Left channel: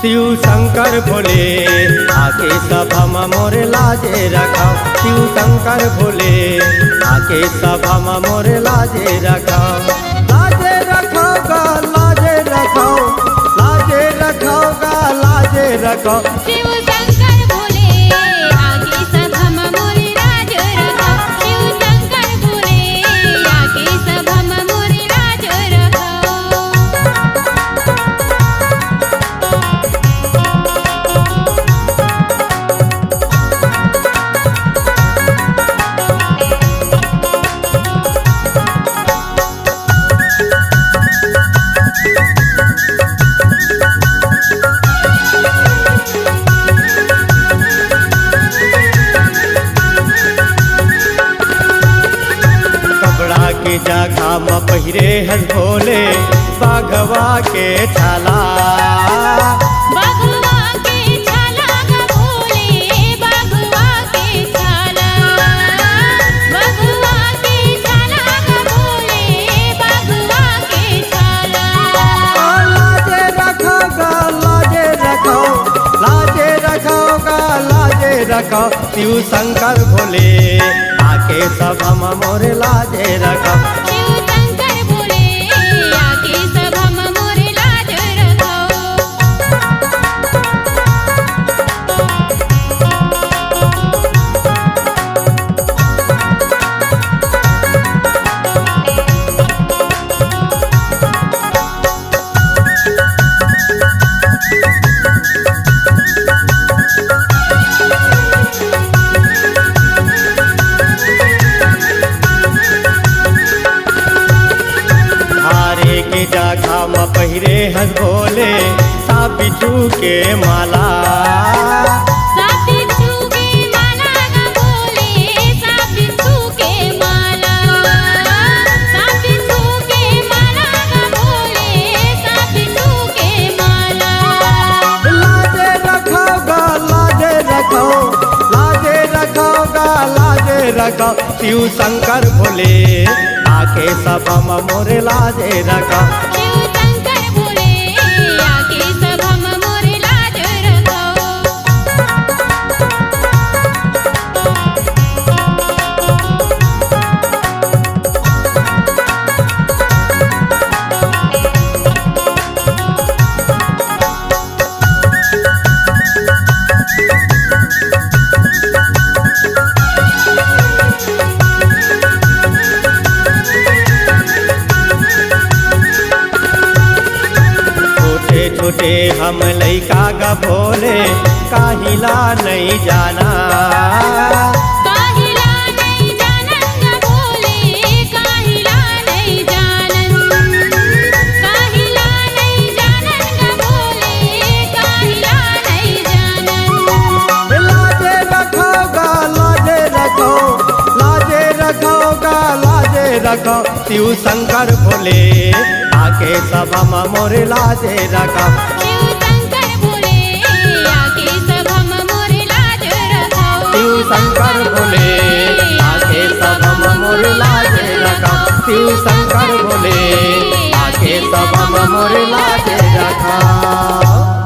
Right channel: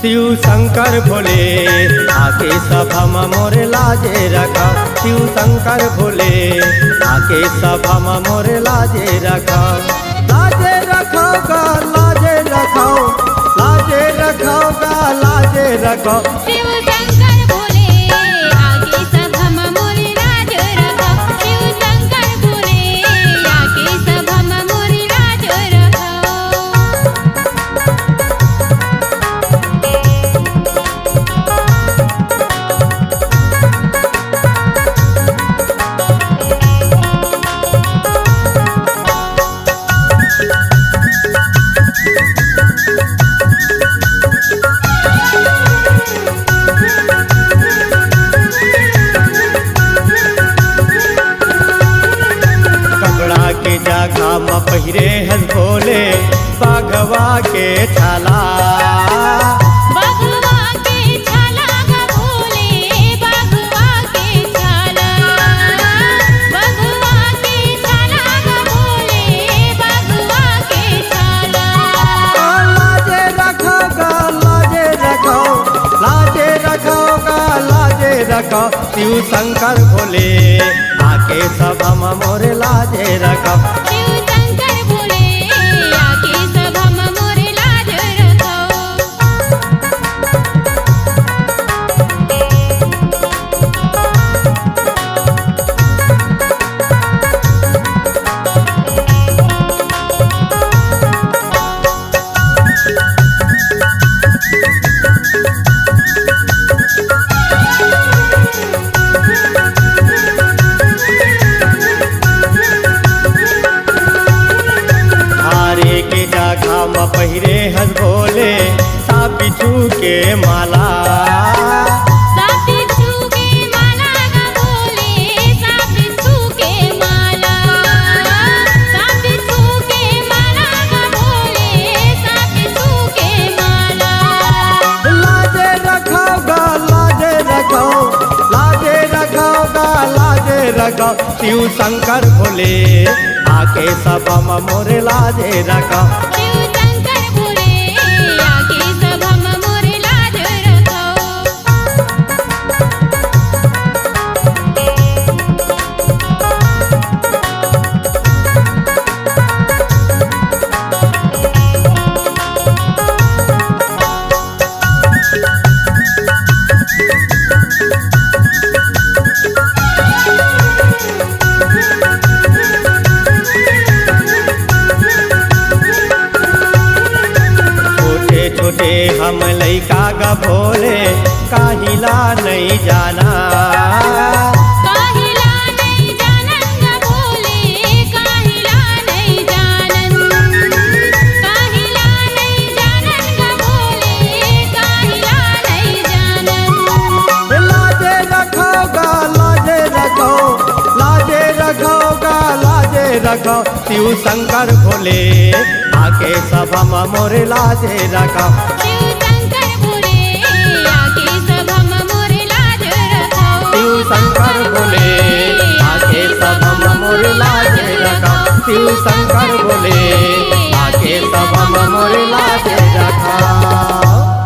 शिव शंकर भोले आके सभा में मोरे लाजे रखाओ। शिव शंकर भोले आके सभा में मोरे लाजे रखाओ। लाजे रखाओ गा लाजे रखाओ, लाजे रखाओ गा लाजे रखाओ। शिव शंकर भोले आके सभा में मोरे लाज रखाओ। शिव शंकर भोले आके सभा में मोरे लाज रखाओ। कपड़ा के जगह में पहिरे हस भोले बाघवा के छाला। बाघवा के छाला गा भोले बाघवा के छाला। बाघवा के छाला गा भोले बाघवा के छाला। लाजे रखाओ गा लाजे रखाओ, लाजे रखाओ गा लाजे रखाओ। शिव शंकर भोले आके सभा में मोरे लाजे रखाओ। शिव शंकर भोले आके सभा में मोरे लाज रखाओ। हारे के जगह में पहिरे हस भोले सा बिच्छू के माला। साप बिच्छू के माला गा भोले साप बिच्छू के माला। साप बिच्छू के माला गा भोले साप बिच्छू के माला। लाजे रखाओ गा लाजे रखाओ, लाजे रखाओ गा लाजे रखाओ। शिव शंकर भोले आके सभा में मोरे लाजे रखाओ। शिव शंकर भोले आके सभा में मोरे लाज रखाओ। छोटे छोटे हम लइका गा भोले काहिला नहीं जाना। काहिला नहीं जानन गा भोले काहिला नहीं जानन। काहिला नहीं जानन गा भोले काहिला नहीं जानन। लाजे रखाओ गा लाजे रखाओ, लाजे रखाओ गा लाजे रखाओ। शिव शंकर भोले आके सभा में मोरे लाजे रखाओ। शिव शंकर भोले आके सभा में मोरे लाज रखाओ। शिव शंकर भोले आके सभा में मोरे लाजे रखाओ। शिव शंकर भोले आके सभा में मोरे लाजे रखाओ।